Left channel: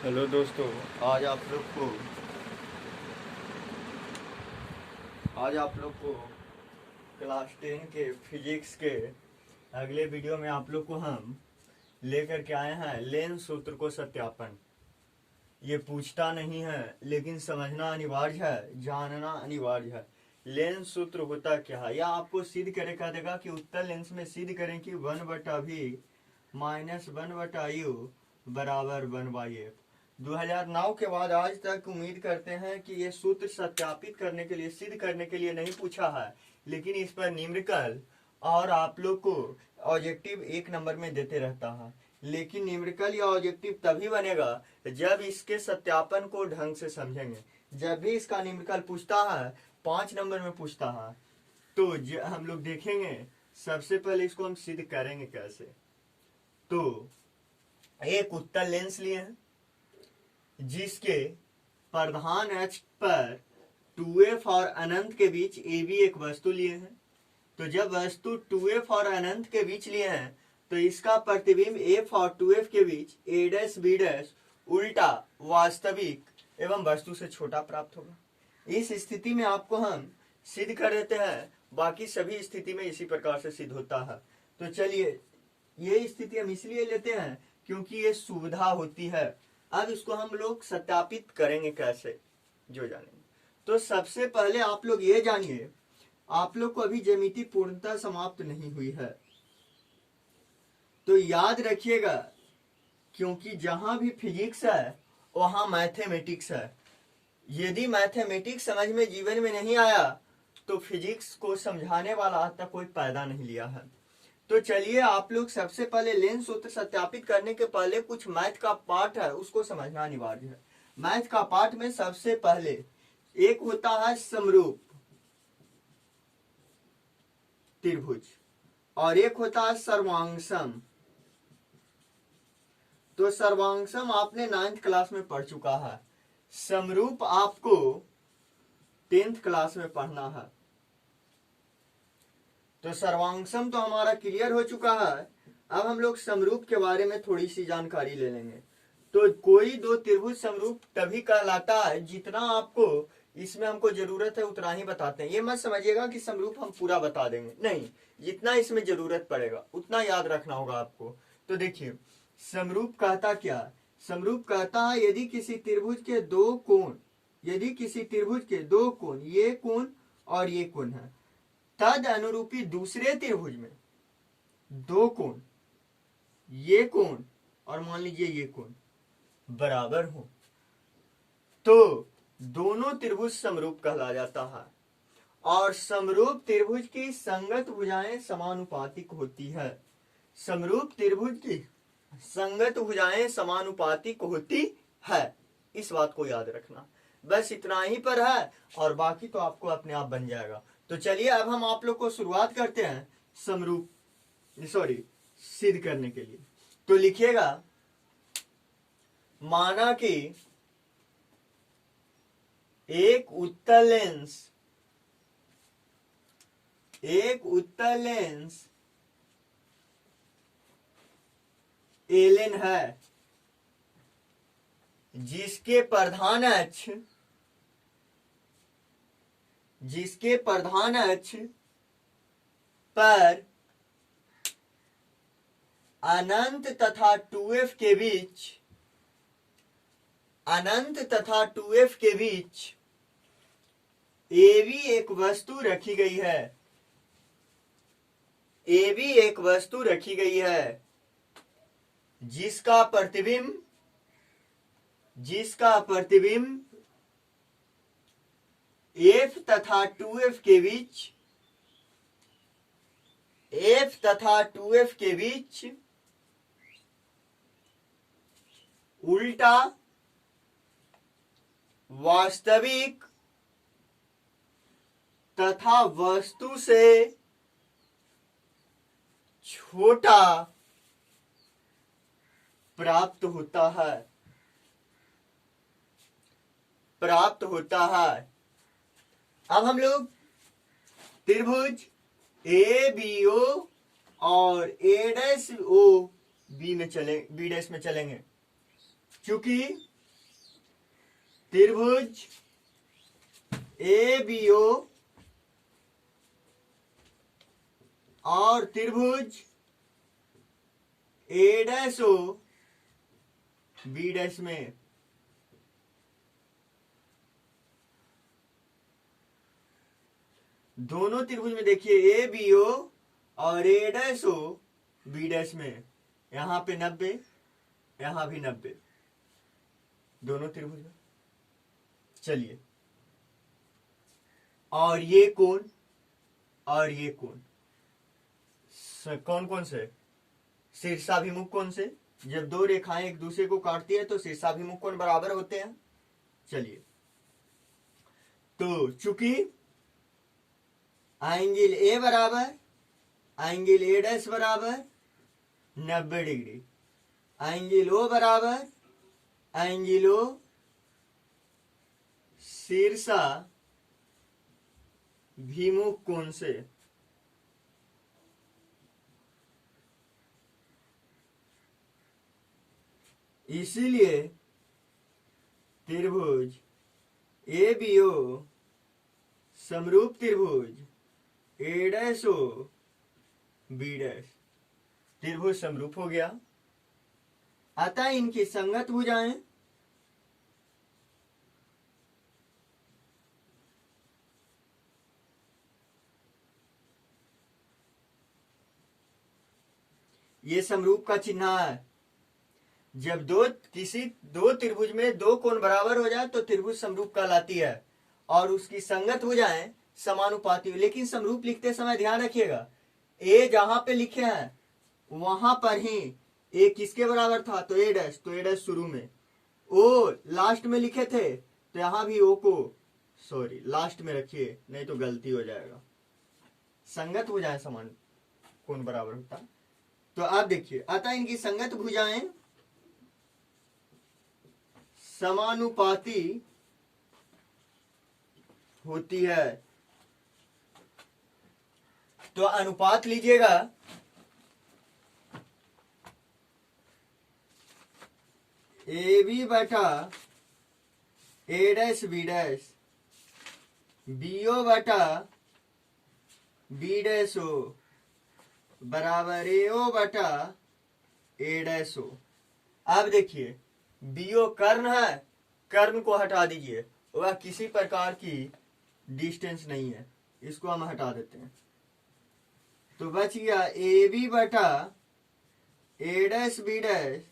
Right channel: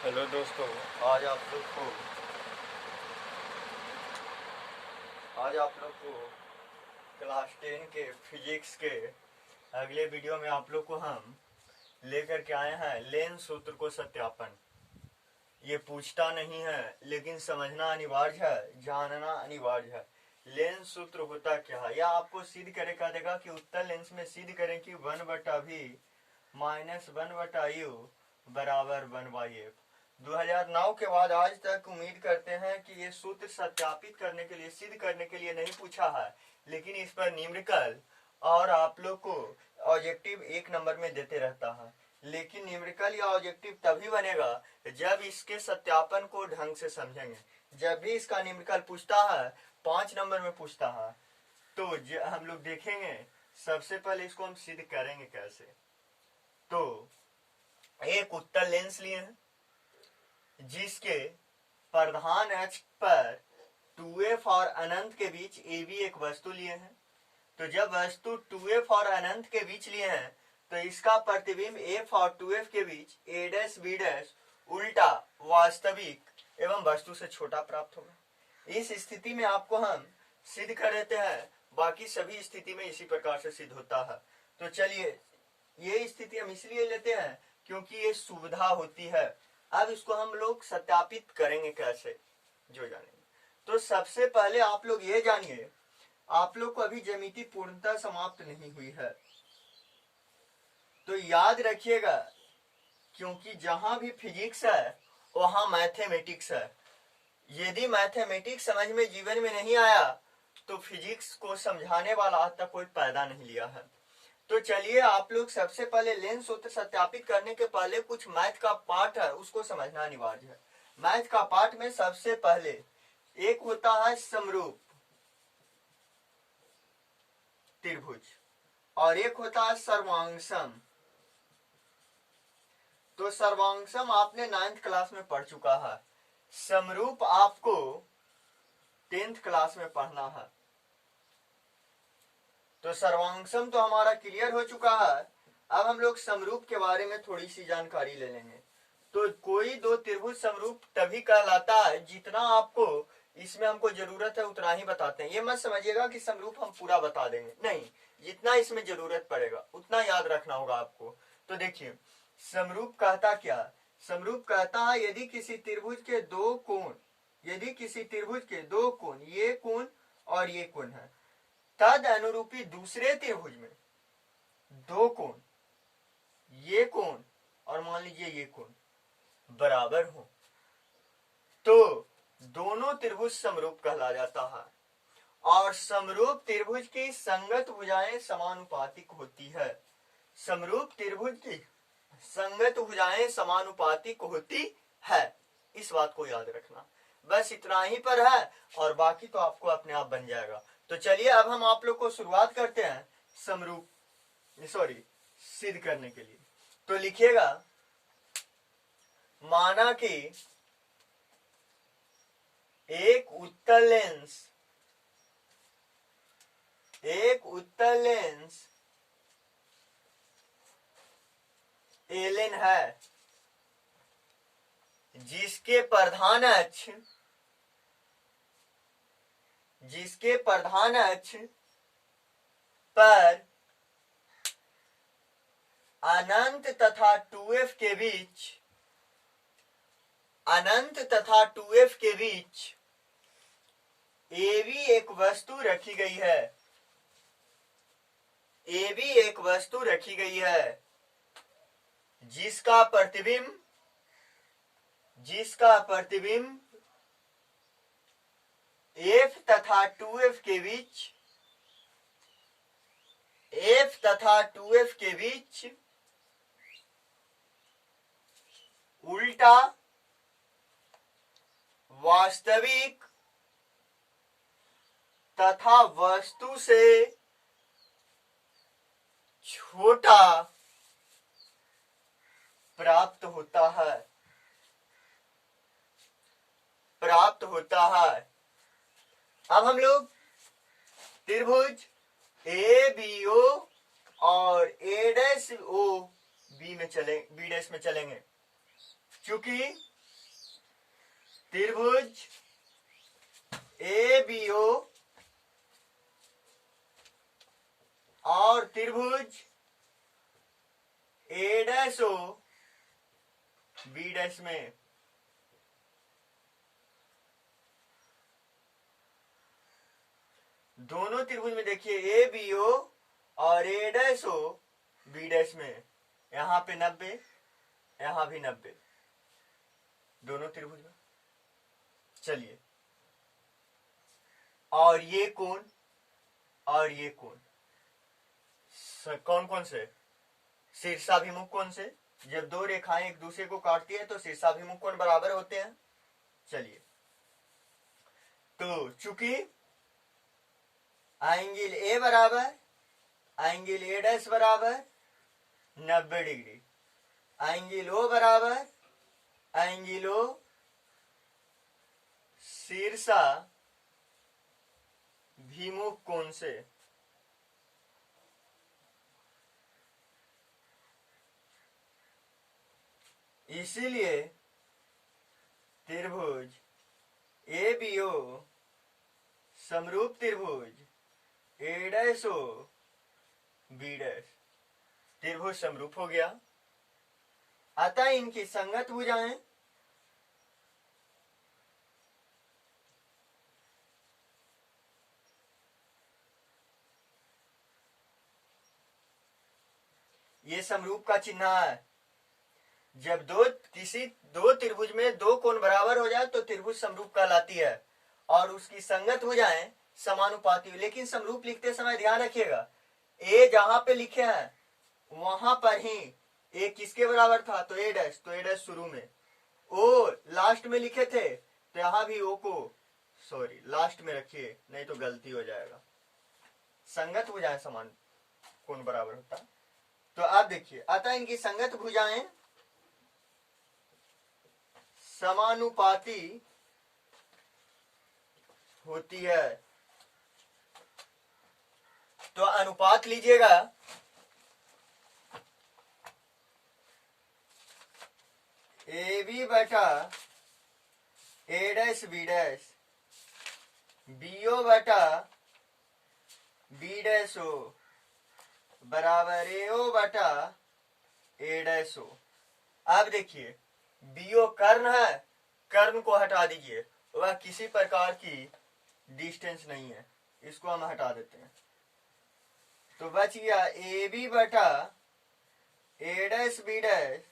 Hello दोस्तों। आज आप लोग को आज आप लोग को क्लास 10 के फिजिक्स के अगले वीडियो में आप लोग को हम लेकर के आए हैं लेंस सूत्र को सत्यापन। ये पूछता नहीं है लेकिन समझना अनिवार्य है, जानना अनिवार्य है। लेंस सूत्र होता क्या है, या आपको सिद्ध करे कह देगा कि उत्तल लेंस में सिद्ध करें कि 1/v माइनस 1/u बराबर 1/f। 2009 के बाद आज तक उम्मीद करते हैं कि ये सूत्र सत्यापित करने के लिए, सिद्ध करने के लिए नहीं पूछा है, लेकिन इस पर न्यूमेरिकल और आप लोग को ऑब्जेक्टिव 1 नंबर में देते रहता है। लेकिन न्यूमेरिकल या ऑब्जेक्टिव तभी बनेगा जब इसके सत्यापन को ढंग से समझेंगे। जब भी इसका न्यूमेरिकल पूछता है, 5 नंबर में पूछता है, तो हम लोग देखेंगे सबसे पहले इसको हम सिद्ध करेंगे कैसे। तो एक उत्तल लेंस लिए हैं जिसके प्रधान अक्ष पर 2f और अनंत के बीच AB एक वस्तु लिए हैं। तो जब वस्तु 2f और अनंत के बीच लिए हैं तो इसका प्रतिबिंब f और 2f के बीच a' b' उल्टा वास्तविक एवं वस्तु से छोटा प्राप्त होगा। इस स्थिति में आपको हम सिद्ध कर देते हैं, बाकी सभी स्थिति में इसी प्रकार से सिद्ध होता है। तो चलिए, ये स्थिति हम इसलिए लेते हैं क्योंकि ये सुविधा होती है। अब इसको हम लोग सत्यापित करेंगे कैसे, जो जानेंगे। तो सबसे पहले आप लोग ये जानिए, आप लोग को अभी ज्यामिति पूर्णतः समाप्त नहीं हुई है, तो याद रखिएगा, क्योंकि जहां भी फिजिक्स है वहां मैथमेटिक्स है। यदि मैथमेटिक्स समझ में जीवन में नहीं आया तो फिजिक्स को समझाने वाला आज तक कोई पैदा नहीं लिया है। तो चलिए, आप लोग सबसे पहले लेंस सूत्र सत्यापित करने के पहले कुछ मैथ का पार्ट है उसको समझना अनिवार्य है। मैथ का पार्ट में सबसे पहले एक होता है समरूप त्रिभुज और एक होता है सर्वांगसम। तो सर्वांगसम आपने 9th क्लास में पढ़ चुका है, समरूप आपको 10th क्लास में पढ़ना है। तो सर्वांगसम तो हमारा क्लियर हो चुका है। अब हम लोग समरूप के बारे में थोड़ी सी जानकारी ले लेंगे। तो कोई दो त्रिभुज समरूप तभी कहलाता है जितना आपको इसमें हमको जरूरत है उतना ही बताते हैं। ये मत समझिएगा कि समरूप हम पूरा बता देंगे, नहीं, जितना इसमें जरूरत पड़ेगा उतना याद रखना होगा आपको। तो देखिए, समरूप कहता क्या, समरूप कहता है यदि किसी त्रिभुज के दो कोण, ये कोण और ये कोण है, तद अनुरूपी दूसरे त्रिभुज में दो कोण, ये कोण और मान लीजिए ये कोण बराबर हो, तो दोनों त्रिभुज समरूप कहला जाता है। और समरूप त्रिभुज की संगत भुजाएं समानुपातिक होती है। समरूप त्रिभुज की संगत भुजाएं समानुपातिक होती है, इस बात को याद रखना। बस इतना ही पर है और बाकी तो आपको अपने आप बन जाएगा। तो चलिए, अब हम आप लोग को शुरुआत करते हैं सिद्ध करने के लिए। तो लिखिएगा, माना कि एक उत्तल लेंस एलेन है जिसके प्रधान अक्ष पर अनंत तथा 2f के बीच AB एक वस्तु रखी गई है जिसका प्रतिबिंब F तथा 2f के बीच उल्टा वास्तविक तथा वस्तु से छोटा प्राप्त होता है। अब हम लोग त्रिभुज ABO और A' O B में चलेंगे, क्योंकि त्रिभुज ए बी ओ और त्रिभुज ए डैश ओ बी डैश में दोनों त्रिभुज में देखिए ए बी ओ और ए डैश ओ बी डैश में यहां पे 90, यहां भी 90, दोनों त्रिभुज में। चलिए, और ये कोण और ये कोण कौन कौन से? शीर्षाभिमुख कोण से। जब दो रेखाएं एक दूसरे को काटती है तो शीर्षाभिमुख कोण बराबर होते हैं। चलिए, तो चूंकि एंगल ए बराबर एंगल ए डैश बराबर 90 डिग्री, एंगल ओ बराबर एंगल ओ शीर्षाभिमुख कोण से। इसीलिए त्रिभुज ए बी ओ समरूप त्रिभुज ए डैश ओ बी डैश त्रिभुज समरूप हो गया। अतः इनकी संगत भुजाएं ये समरूप का चिन्ह है। जब दो त्रिभुज में दो कोण बराबर हो जाए तो त्रिभुज समरूप कहलाती है और उसकी संगत हो जाए समानुपाती। लेकिन समरूप लिखते समय ध्यान रखिएगा, ए जहां पे लिखे हैं वहां पर ही ए किसके बराबर था? तो ए डैश, तो ए डैश शुरू में, ओ लास्ट में लिखे थे तो यहां भी ओ को सॉरी लास्ट में रखिए, नहीं तो गलती हो जाएगा। संगत हो जाए समान कोण बराबर होता। तो आप देखिए, अतः इनकी संगत भुजाएं समानुपाती होती है। तो अनुपात लीजिएगा, ए बी बटा A dash B dash, B O बटा बी डैश ओ बराबर ए ओ बटा ए डैश ओ। अब देखिए, बी ओ कर्ण है, कर्ण को हटा दीजिए, वह किसी प्रकार की डिस्टेंस नहीं है, इसको हम हटा देते हैं। तो बच गया ए बी बटा ए डैश बी डैश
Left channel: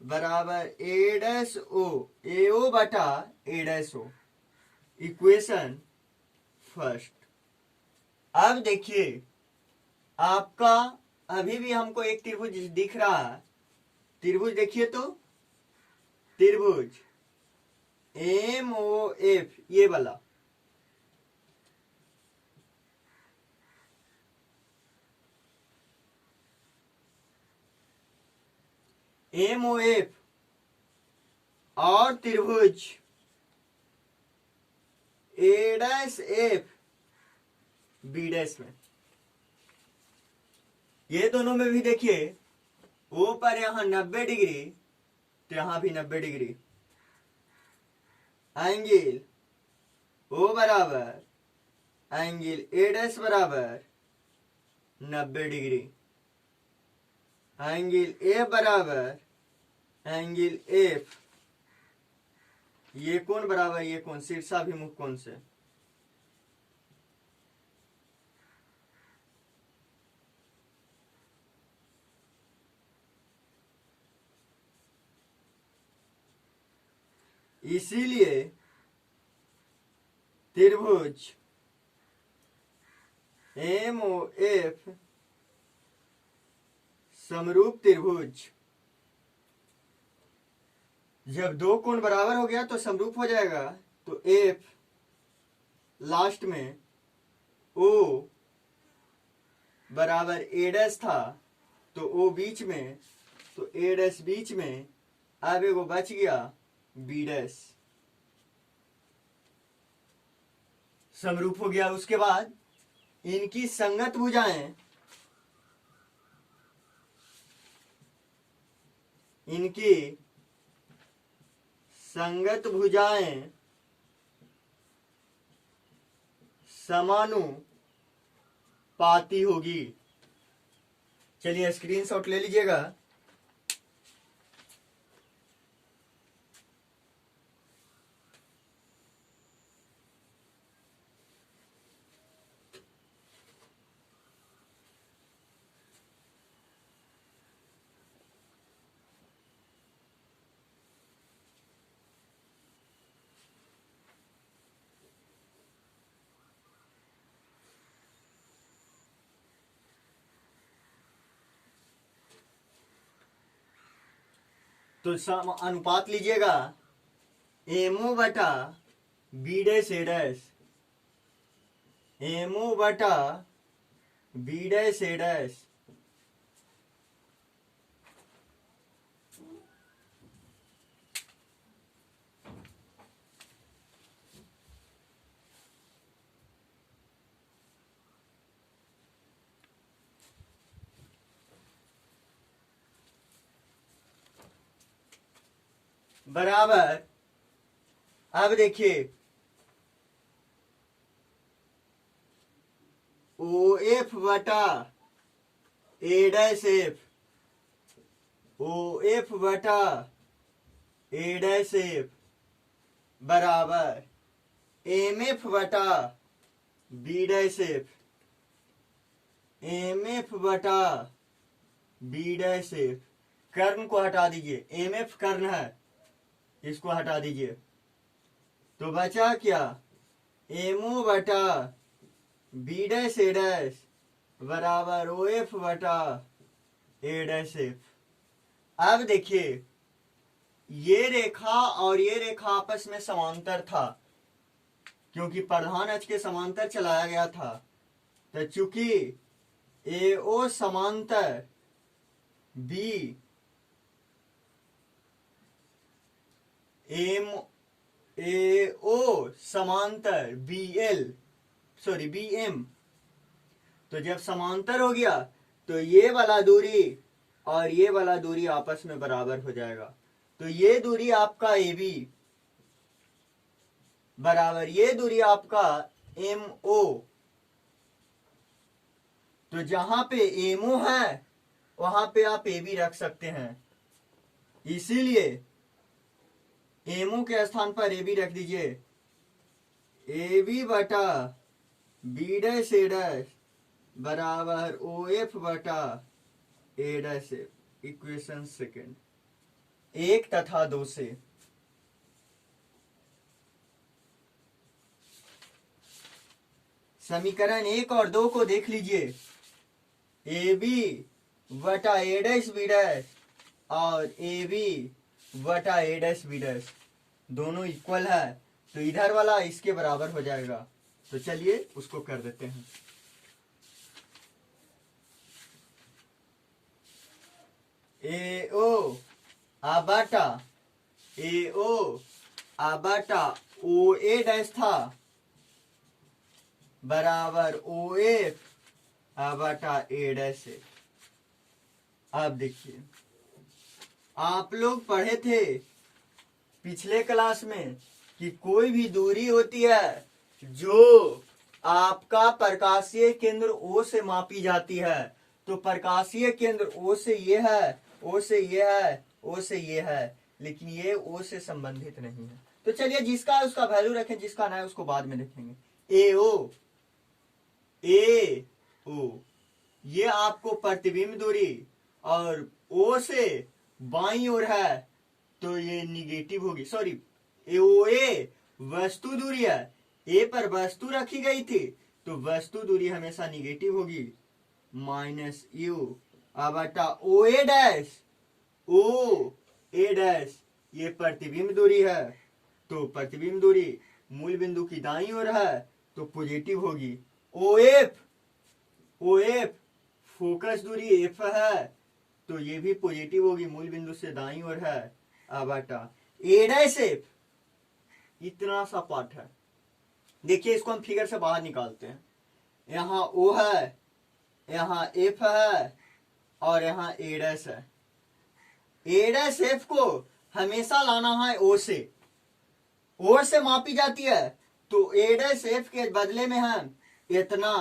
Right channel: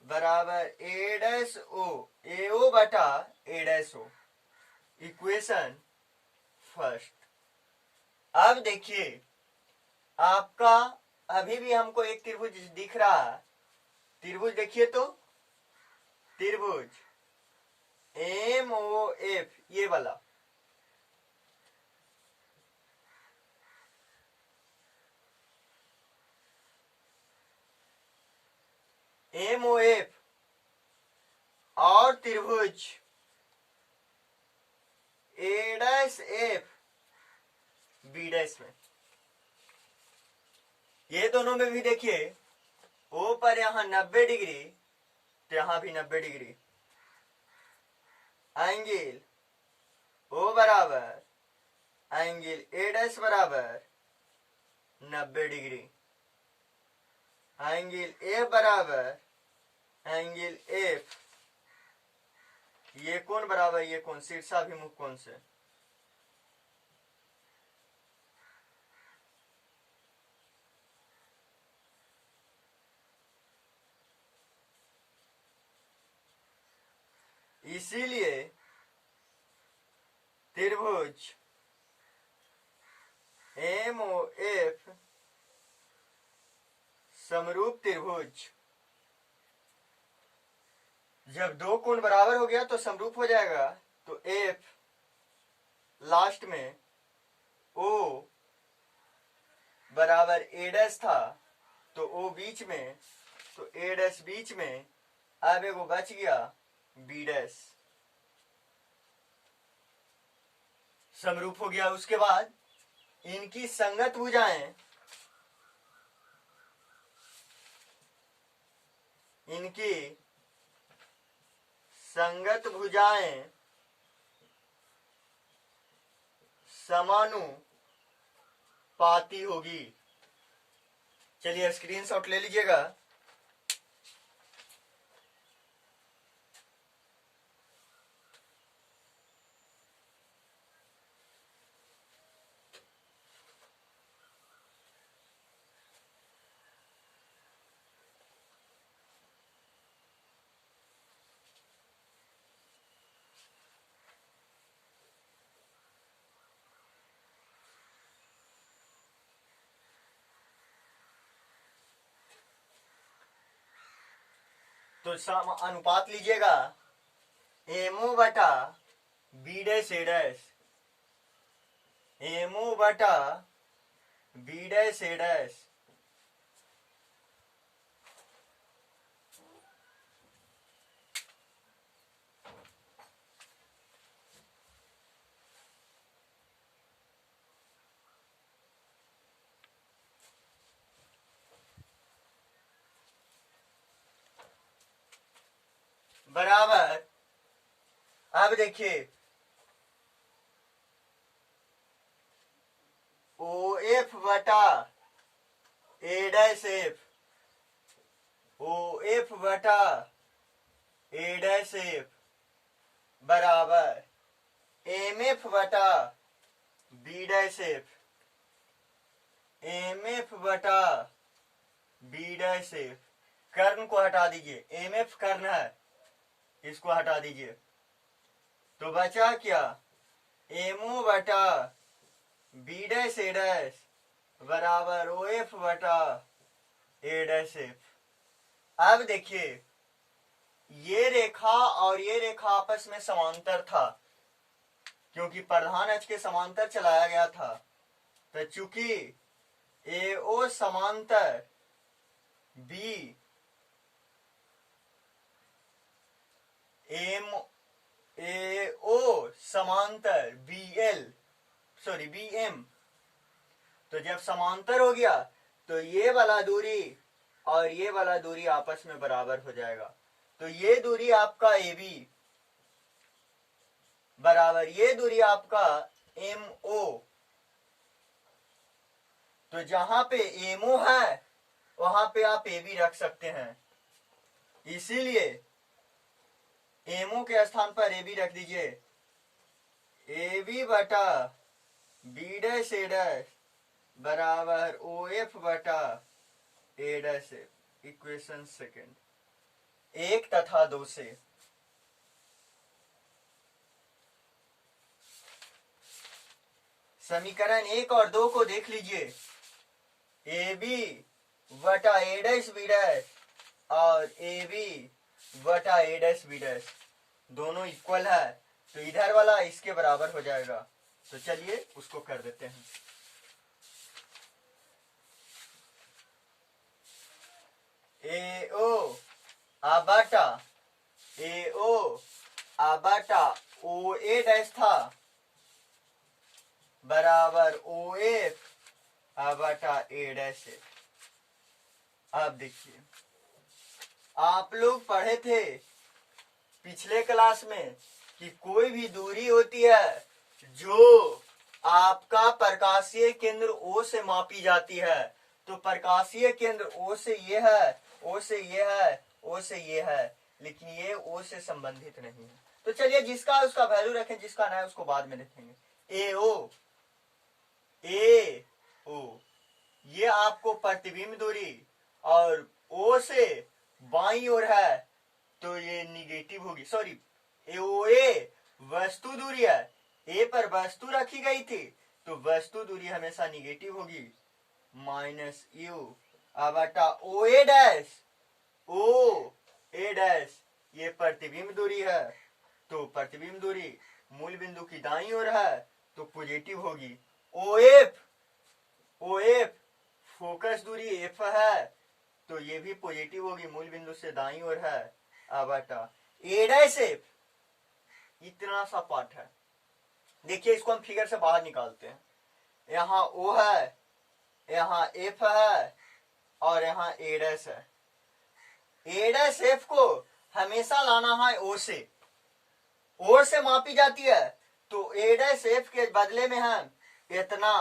बराबर ए डैश ओ, ए ओ बटा A dash O. Equation first. अब देखिए, आपका अभी भी हमको एक त्रिभुज दिख रहा है। त्रिभुज देखिए तो, त्रिभुज एम ओ एफ, ये वाला, एम ओ एफ और त्रिभुज ए डैश एफ बी डैश में, ये दोनों में भी देखिए, ओ पर यहां 90 डिग्री तो यहां भी 90 डिग्री, एंगल ओ बराबर एंगल ए डैश बराबर 90 डिग्री, एंगल ए बराबर एंगल एफ, ये कोण बराबर ये कोण शीर्षाभिमुख कोण से। इसीलिए त्रिभुज एम ओ एफ समरूप त्रिभुज, जब दो कोण बराबर हो गया तो समरूप हो जाएगा। तो एफ लास्ट में ओ बराबर ए डैश था तो ओ बीच में, तो ए डैश बीच में, अब एगो बच गया बी डैश, समरूप हो गया। उसके बाद इनकी संगत भुजाएं, इनकी संगत भुजाएं समानुपाती होगी। चलिए स्क्रीनशॉट ले लीजिएगा। तो अनुपात लीजिएगा, एमओ बटा B dash A dash, MO बटा बी डैश ए डैश बराबर, अब देखिए ओ एफ बटा A dash F, O F बटा ए डैश एफ बराबर एम एफ बटा B dash F, M F बटा बी डैश एफ। कर्ण को हटा दीजिए, एम एफ कर्ण है, इसको हटा दीजिए, तो बचा क्या, एमओ बटा बी डैश ए डैश बराबर ओ एफ बटा ए डैश एफ। अब देखिए ये रेखा और ये रेखा आपस में समांतर था, क्योंकि प्रधान अक्ष के समांतर चलाया गया था। तो चूंकि ए ओ समांतर बी एम ए ओ समांतर बी एल बी एम, तो जब समांतर हो गया तो ये वाला दूरी और ये वाला दूरी आपस में बराबर हो जाएगा। तो ये दूरी आपका ए बी बराबर ये दूरी आपका एम ओ। तो जहां पे एम ओ है वहां पे आप ए बी रख सकते हैं, इसीलिए एमओ के स्थान पर ए बी रख दीजिए, ए बी बटा बी डैश ए डैश बराबर ओ एफ बटा A dash F. Equation second, 1 तथा 2 से समीकरण 1 और 2 को देख लीजिए, ए बी बटा ए डैश बी डैश और ए बी बटा ए डैश बी डैश दोनों इक्वल है, तो इधर वाला इसके बराबर हो जाएगा। तो चलिए उसको कर देते हैं। ए ओ आबाटा ए ओ आबाटा ओ ए डैश था बराबर ओ एफ आबाटा ए डैश एफ। अब देखिए आप लोग पढ़े थे पिछले क्लास में कि कोई भी दूरी होती है जो आपका प्रकाशीय केंद्र ओ से मापी जाती है, तो प्रकाशीय केंद्र ओ से ये है, ओ से ये है, ओ से ये है, लेकिन ये ओ से संबंधित नहीं है। तो चलिए जिसका उसका वैल्यू रखें, जिसका ना है उसको बाद में लिखेंगे। ए ओ ये आपको प्रतिबिंब दूरी और ओ से बाईं ओर है तो ये निगेटिव होगी, सॉरी ओ ए वस्तु दूरी है, ए पर वस्तु रखी गई थी तो वस्तु दूरी हमेशा निगेटिव होगी, माइनस यू बटा O A dash, O A dash ये प्रतिबिंब दूरी है, तो प्रतिबिंब दूरी मूल बिंदु की दाईं ओर है तो पॉजिटिव होगी। ओ एफ फोकस दूरी एफ है तो ये भी पॉजिटिव होगी, मूल बिंदु से दाईं ओर है, बटा ए डैश एफ। इतना सा पार्ट है। देखिए इसको हम फिगर से बाहर निकालते हैं, यहाँ ओ है, यहाँ एफ है और यहाँ ए डैश है। ए डैश एफ को हमेशा लाना है ओ से, ओ से मापी जाती है, तो ए डैश एफ के बदले में हम इतना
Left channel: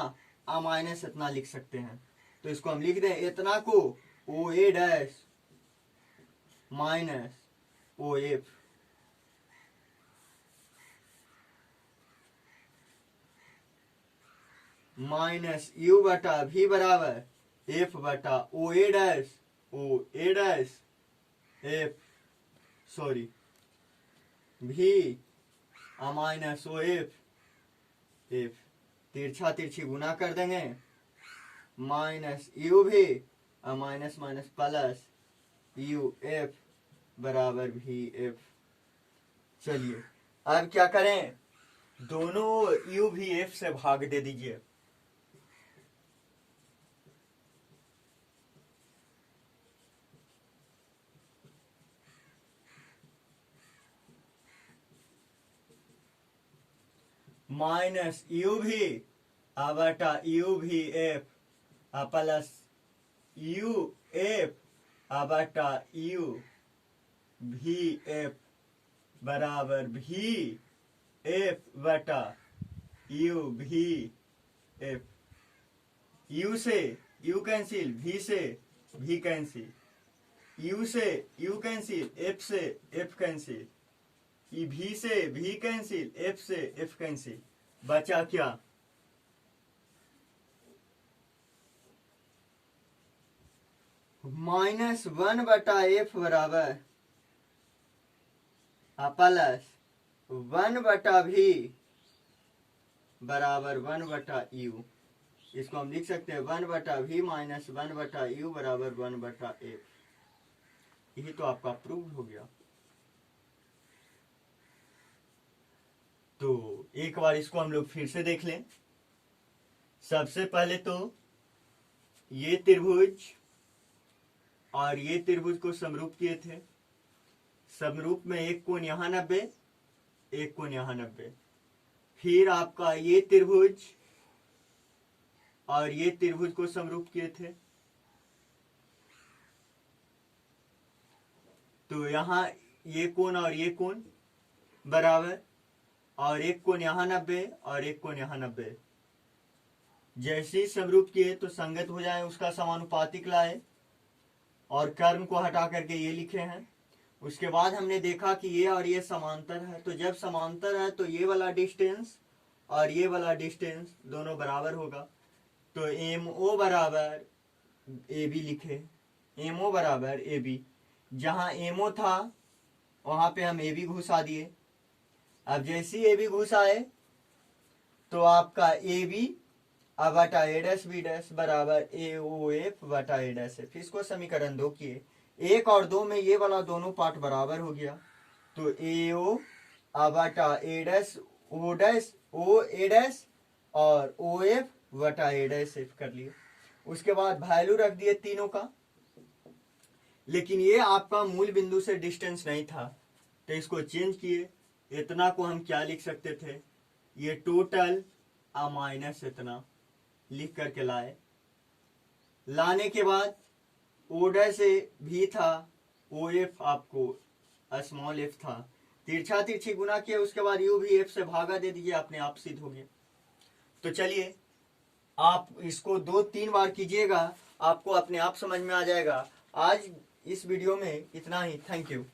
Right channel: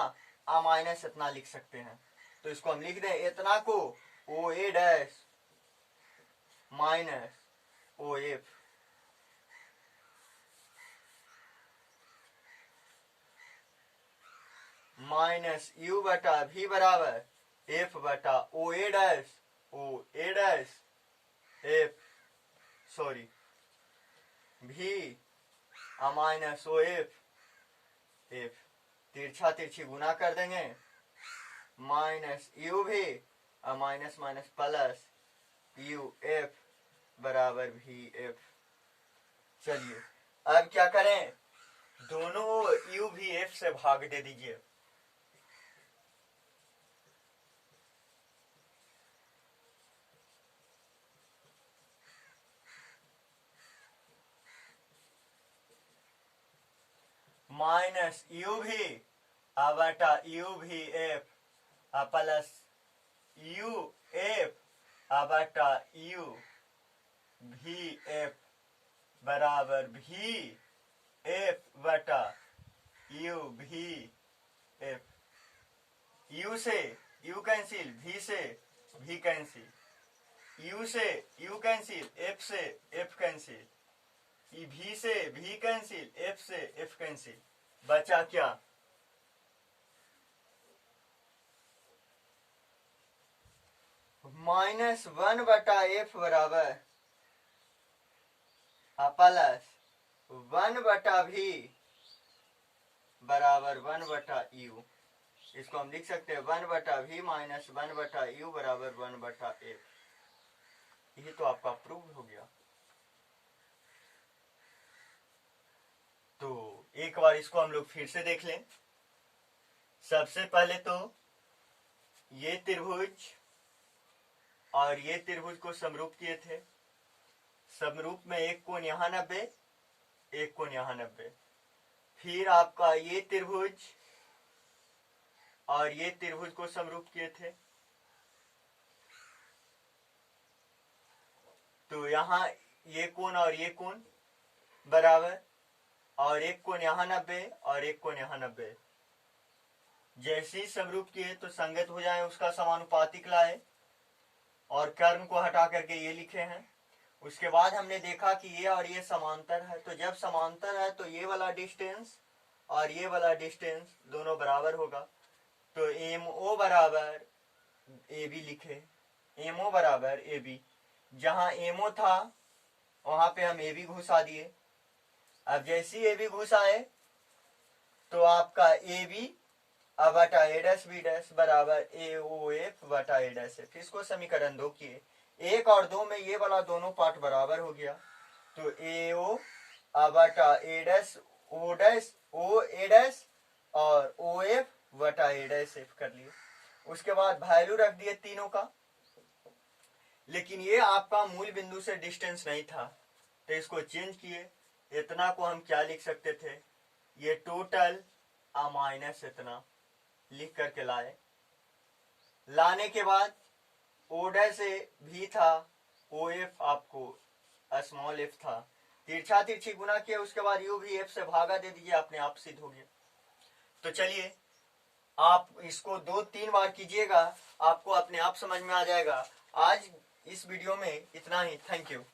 आ माइनस इतना लिख सकते हैं। तो इसको हम लिख दें इतना को O A dash minus O F, minus U बटा भी बराबर एफ बटा O A dash F, sorry V minus O F, तिरछा तिरछी गुना कर देंगे, minus U V minus minus plus U F बराबर भी एफ। चलिए अब क्या करें, दोनों यू भी एफ से भाग दे दीजिए। माइनस यू भी बटा यू भी एफ प्लस यू एफ बटा यू भी एफ बराबर भी एफ बटा यू भी एफ। यू से यू कैंसिल, भी से भी कैंसिल, यू से यू कैंसिल, एफ से एफ कैंसिल, भी से भी कैंसिल, एफ से एफ कैंसिल, बचा क्या माइनस वन बटा एफ बराबर प्लस वन बटा भी बराबर वन बटा यू। इसको हम लिख सकते हैं वन बटा भी माइनस वन बटा यू बराबर वन बटा एफ। यही तो आपका प्रूव हो गया। तो एक बार इसको हम लोग फिर से देख लें। सबसे पहले तो ये त्रिभुज और ये त्रिभुज को समरूप किए थे। समरूप में एक कोण यहां 90, एक कोण यहां 90। फिर आपका ये त्रिभुज और ये त्रिभुज को समरूप किए थे, तो यहां ये कोण और ये कोण बराबर, और एक कोण यहां 90 और एक कोण यहां 90। जैसे ही समरूप किए तो संगत हो जाए, उसका समानुपातिक लाए और कर्म को हटा करके ये लिखे हैं। उसके बाद हमने देखा कि ये और ये समांतर है, तो जब समांतर है तो ये वाला डिस्टेंस और ये वाला डिस्टेंस दोनों बराबर होगा। तो एम ओ बराबर ए बी लिखे, एम ओ बराबर ए बी। जहां एम ओ था वहां पे हम ए बी घुसा दिए। अब जैसी ए बी घुसाए तो आपका ए बी बटा ए डैश बी डैश बराबर ए ओ एफ बटा ए डैश एफ। इसको समीकरण 2 किए, 1 और 2 में ये वाला दोनों पार्ट बराबर हो गया। तो ए ओ बटा A dash O dash O A dash और ओ एफ बटा ए डैश एफ कर लिए। उसके बाद वैल्यू रख दिए तीनों का। लेकिन ये आपका मूल बिंदु से डिस्टेंस नहीं था, तो इसको चेंज किए। इतना को हम क्या लिख सकते थे, ये टोटल माइनस इतना लिख करके लाए। लाने के बाद ओ डैश से भी था, ओ एफ आपको स्मॉल एफ था, तिरछा तिरछी गुना किया। उसके बाद यू भी एफ से भागा दे दीजिए, अपने आप सिद्ध हो गया। तो चलिए आप इसको 2-3 बार कीजिएगा, आपको अपने आप समझ में आ जाएगा। आज इस वीडियो में इतना ही। Thank you.